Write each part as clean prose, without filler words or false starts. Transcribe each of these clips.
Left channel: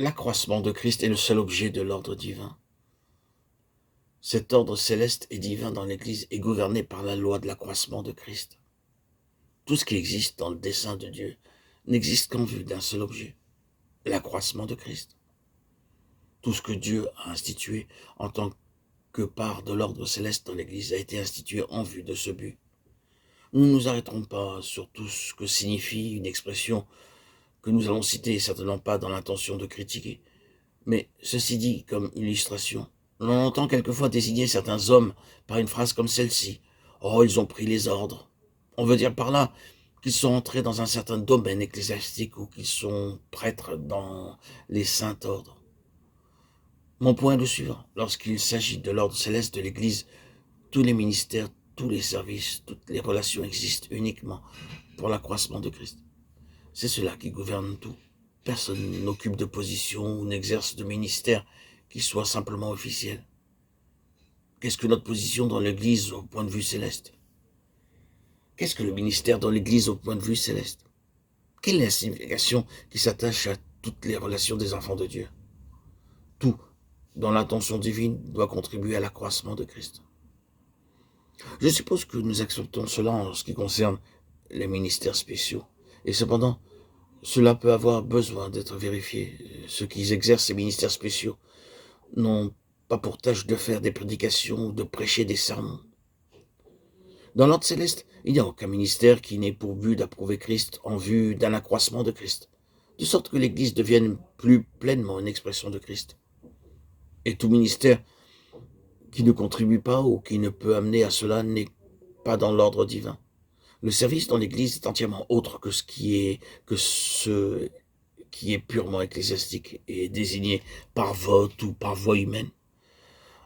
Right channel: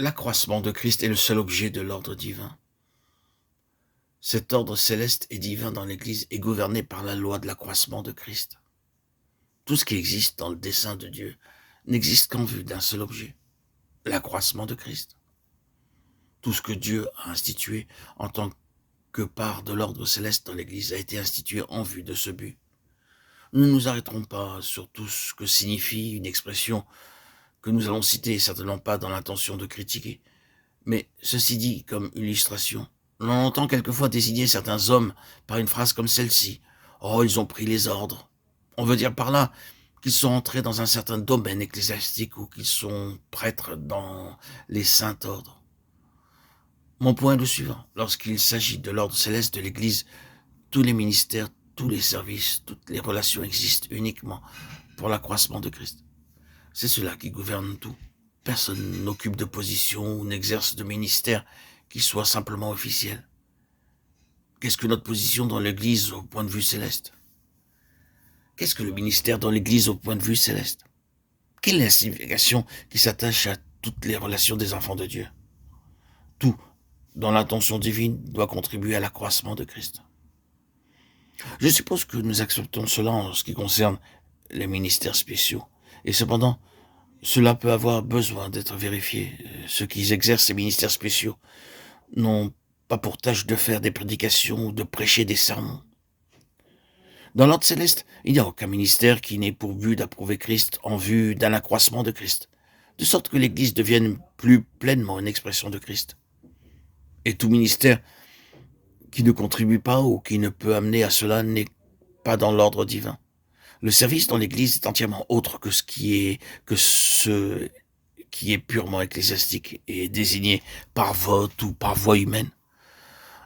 L'accroissement de Christ est le seul objet de l'ordre divin. Cet ordre céleste et divin dans l'Église est gouverné par la loi de l'accroissement de Christ. Tout ce qui existe dans le dessein de Dieu n'existe qu'en vue d'un seul objet, l'accroissement de Christ. Tout ce que Dieu a institué en tant que part de l'ordre céleste dans l'Église a été institué en vue de ce but. Nous ne nous arrêterons pas sur tout ce que signifie une expression que nous allons citer, certainement pas dans l'intention de critiquer. Mais ceci dit comme illustration, on entend quelquefois désigner certains hommes par une phrase comme celle-ci. « Oh, ils ont pris les ordres ». On veut dire par là qu'ils sont entrés dans un certain domaine ecclésiastique ou qu'ils sont prêtres dans les saints ordres. Mon point est le suivant. Lorsqu'il s'agit de l'ordre céleste de l'Église, tous les ministères, tous les services, toutes les relations existent uniquement pour l'accroissement de Christ. C'est cela qui gouverne tout. Personne n'occupe de position ou n'exerce de ministère qui soit simplement officiel. Qu'est-ce que notre position dans l'Église au point de vue céleste? Qu'est-ce que le ministère dans l'Église au point de vue céleste? Quelle est la signification qui s'attache à toutes les relations des enfants de Dieu? Tout, dans l'intention divine, doit contribuer à l'accroissement de Christ. Je suppose que nous acceptons cela en ce qui concerne les ministères spéciaux. Et cependant, cela peut avoir besoin d'être vérifié. Ceux qui exercent ces ministères spéciaux n'ont pas pour tâche de faire des prédications ou de prêcher des sermons. Dans l'ordre céleste, il n'y a aucun ministère qui n'ait pour but d'approuver Christ en vue d'un accroissement de Christ, de sorte que l'Église devienne plus pleinement une expression de Christ. Et tout ministère qui ne contribue pas ou qui ne peut amener à cela n'est pas dans l'ordre divin. Le service dans l'Église est entièrement autre que ce qui est purement ecclésiastique et désigné par vote ou par voie humaine.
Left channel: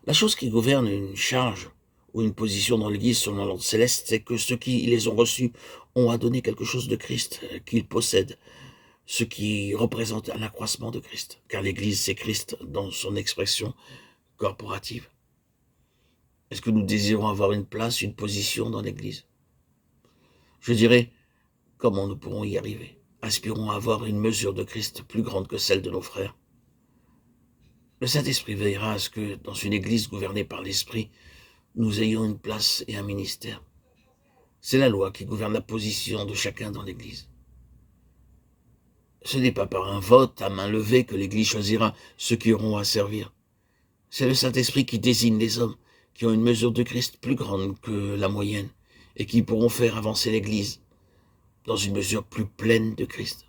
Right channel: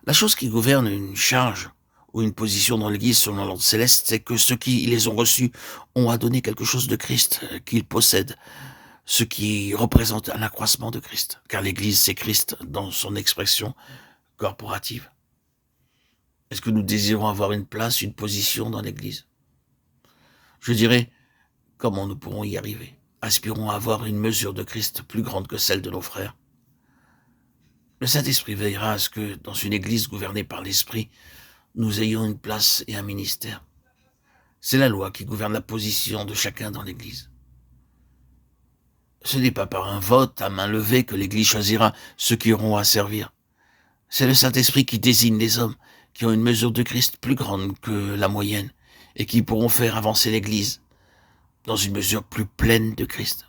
La chose qui gouverne une charge ou une position dans l'Église selon l'ordre céleste, c'est que ceux qui les ont reçus ont à donner quelque chose de Christ qu'ils possèdent, ce qui représente un accroissement de Christ, car l'Église c'est Christ dans son expression corporative. Est-ce que nous désirons avoir une place, une position dans l'Église? Je dirais, comment nous pourrons y arriver? Aspirons à avoir une mesure de Christ plus grande que celle de nos frères. Le Saint-Esprit veillera à ce que, dans une Église gouvernée par l'Esprit, nous ayons une place et un ministère. C'est la loi qui gouverne la position de chacun dans l'Église. Ce n'est pas par un vote à main levée que l'Église choisira ceux qui auront à servir. C'est le Saint-Esprit qui désigne les hommes qui ont une mesure de Christ plus grande que la moyenne et qui pourront faire avancer l'Église dans une mesure plus pleine de Christ.